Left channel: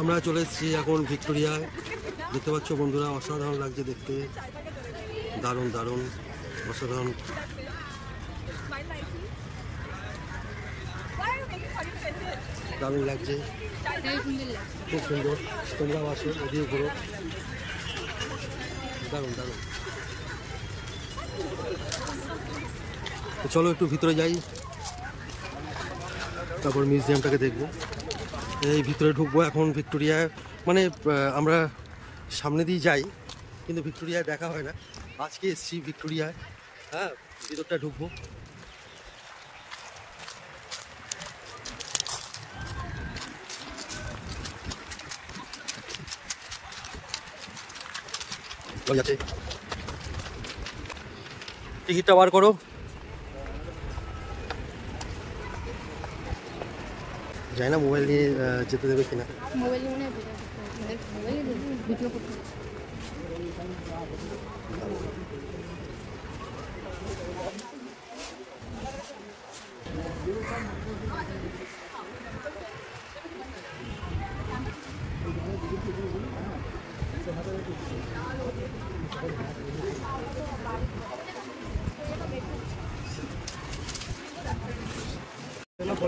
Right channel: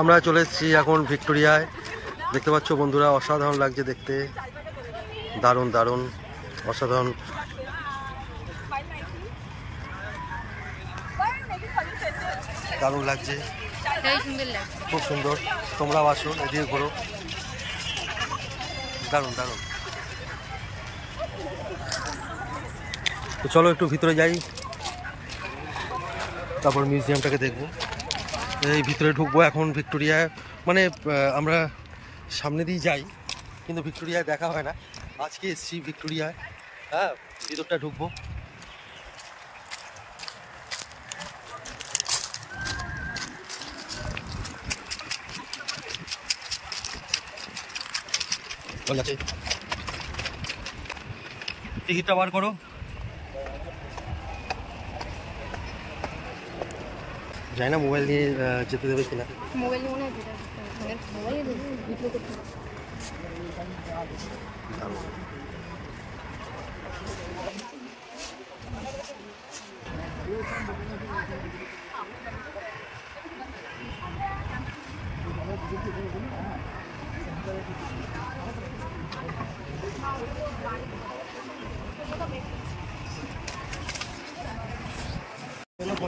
আমরা চলে এসেছি এখন ভিক্টোরিয়ায়। দেখতে পাচ্ছ বন্ধুরা, অসাধারণ লাগছে দেখতে, দারুণ দারুণ অসাধারণ। দারুণ লাগছে, খুব সুন্দর। তোমরাও আসো, এদিকে ঘোরো, দারুণ দারুণ। তো চলো একটু ভিতরে যাই, তারপর মিউজিয়ামটাকে দেখবো। এই ভিতরে ঢুকবো এখন ভিক্টোরিয়ায়। মানে আমরা সামনে দিয়ে যাই, কিন্তু ভিক্টোরিয়ায় দেখা হয় না। আজকে এসছি ভিক্টোরিয়ায়, হ্যাঁ, ভিতরটা ঢুকবো। টিকিটটা বার করো। জানি না মোবাইল নিয়ে যেতে দেবে কিনা। মোবাইল মনে হয়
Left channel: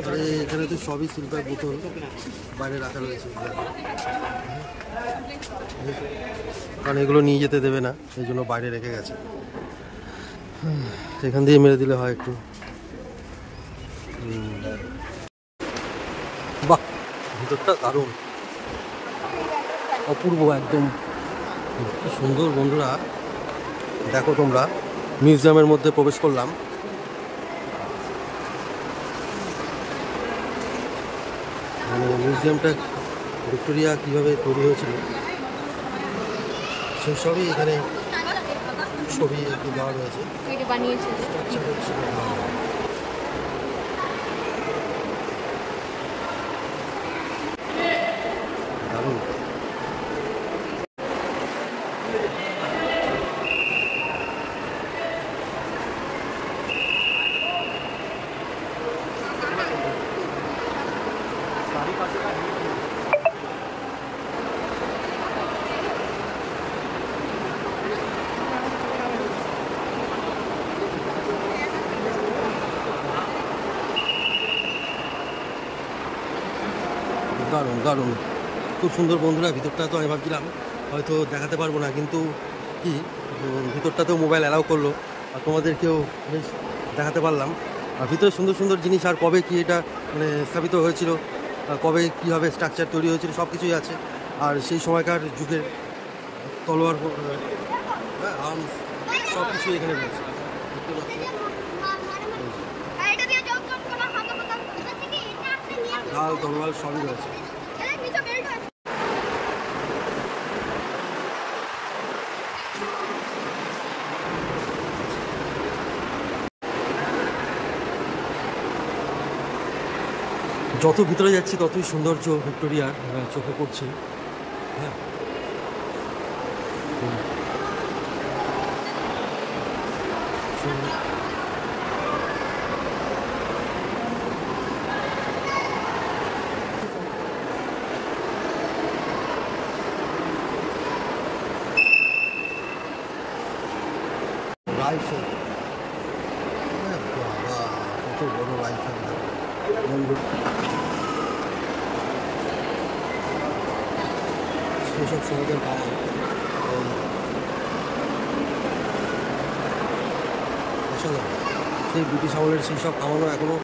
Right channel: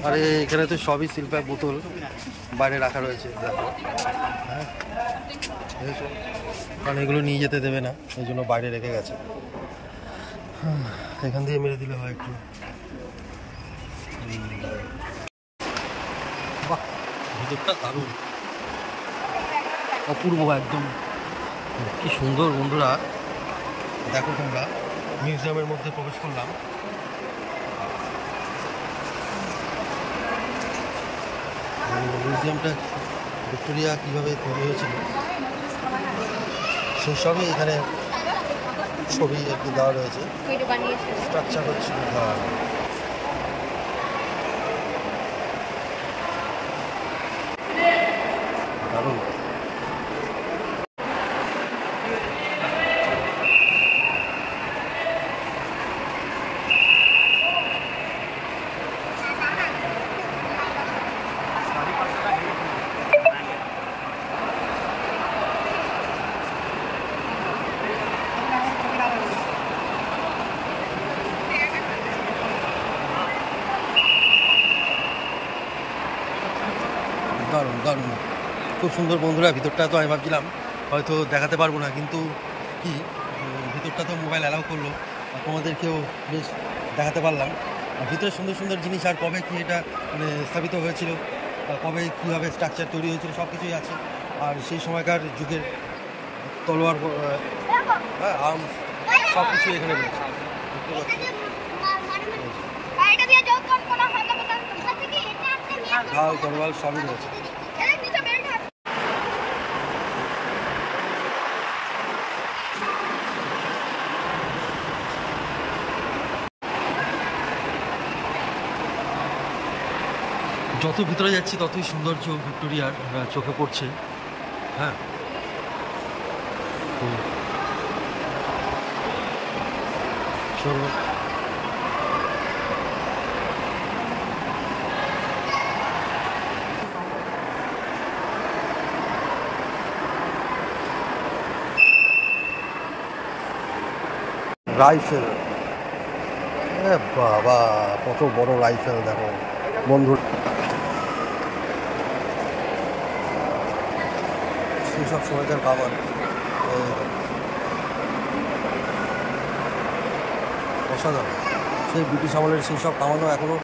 আরে এখানে তো সবই শিল্পের বোতল বাইরে রাখা রয়েছে, দেখো। কারণ এগুলো নিয়ে যেতে দেবে না, এই জন্য বাইরে রেখে গেছে। এখান দিয়ে মেরে দিলে হয় একটু। বাহ, ভিতরটা দারুণ, অপূর্ব একদম, কি সুন্দর বন্ধুরা। দেখো তোমরা, মিউজিয়ামের মধ্যে প্রবেশ করলাম। মিউজিয়ামটা ভিক্টোরিয়া কীভাবে তৈরি হয়েছিল সেসবই এখানে ছবি আর কি দেওয়া রয়েছে, স্ট্রাকচার হচ্ছিল। হ্যাঁ, দারুণ। দারুণ দারুণ, খুব সুন্দর বন্ধুরা। ভিতরটা তো আমি ভাবছিলাম হয়তো দেখাতে পারবো না, কিন্তু কি ভিতরটা তো মোবাইল অ্যালাউ করলো, আর তোমাদেরকেও বেশ দেখাতে পারলাম। আর ভিতরে সুন্দর সুন্দর জিনিস, আর কবে কি এটা মানে স্থাপিত হয়েছিল, কবে কীভাবে স্ট্রাকচার তৈরি হয়েছিল সব কিছুই আছে। আর সেই সময়কার যুগের তলোয়ার, হ্যাঁ, আর্মস, সব কিছুই এখানে রয়েছে, দেখতে পাচ্ছি। ঢাল তলোয়ার সবই রয়েছে। যত ভিতরে যাচ্ছি ততই সৌন্দর্য ভিক্টোরিয়ার চোখে পড়ছে। হ্যাঁ, চলো। রাইফেল, বাবা কত বড় রাইফেল দেখো বন্ধু। সেই সব সময়কার কামান, অসাধারণ। সেই ব্রিটিশ আমলের সেই সব কামানও এখনো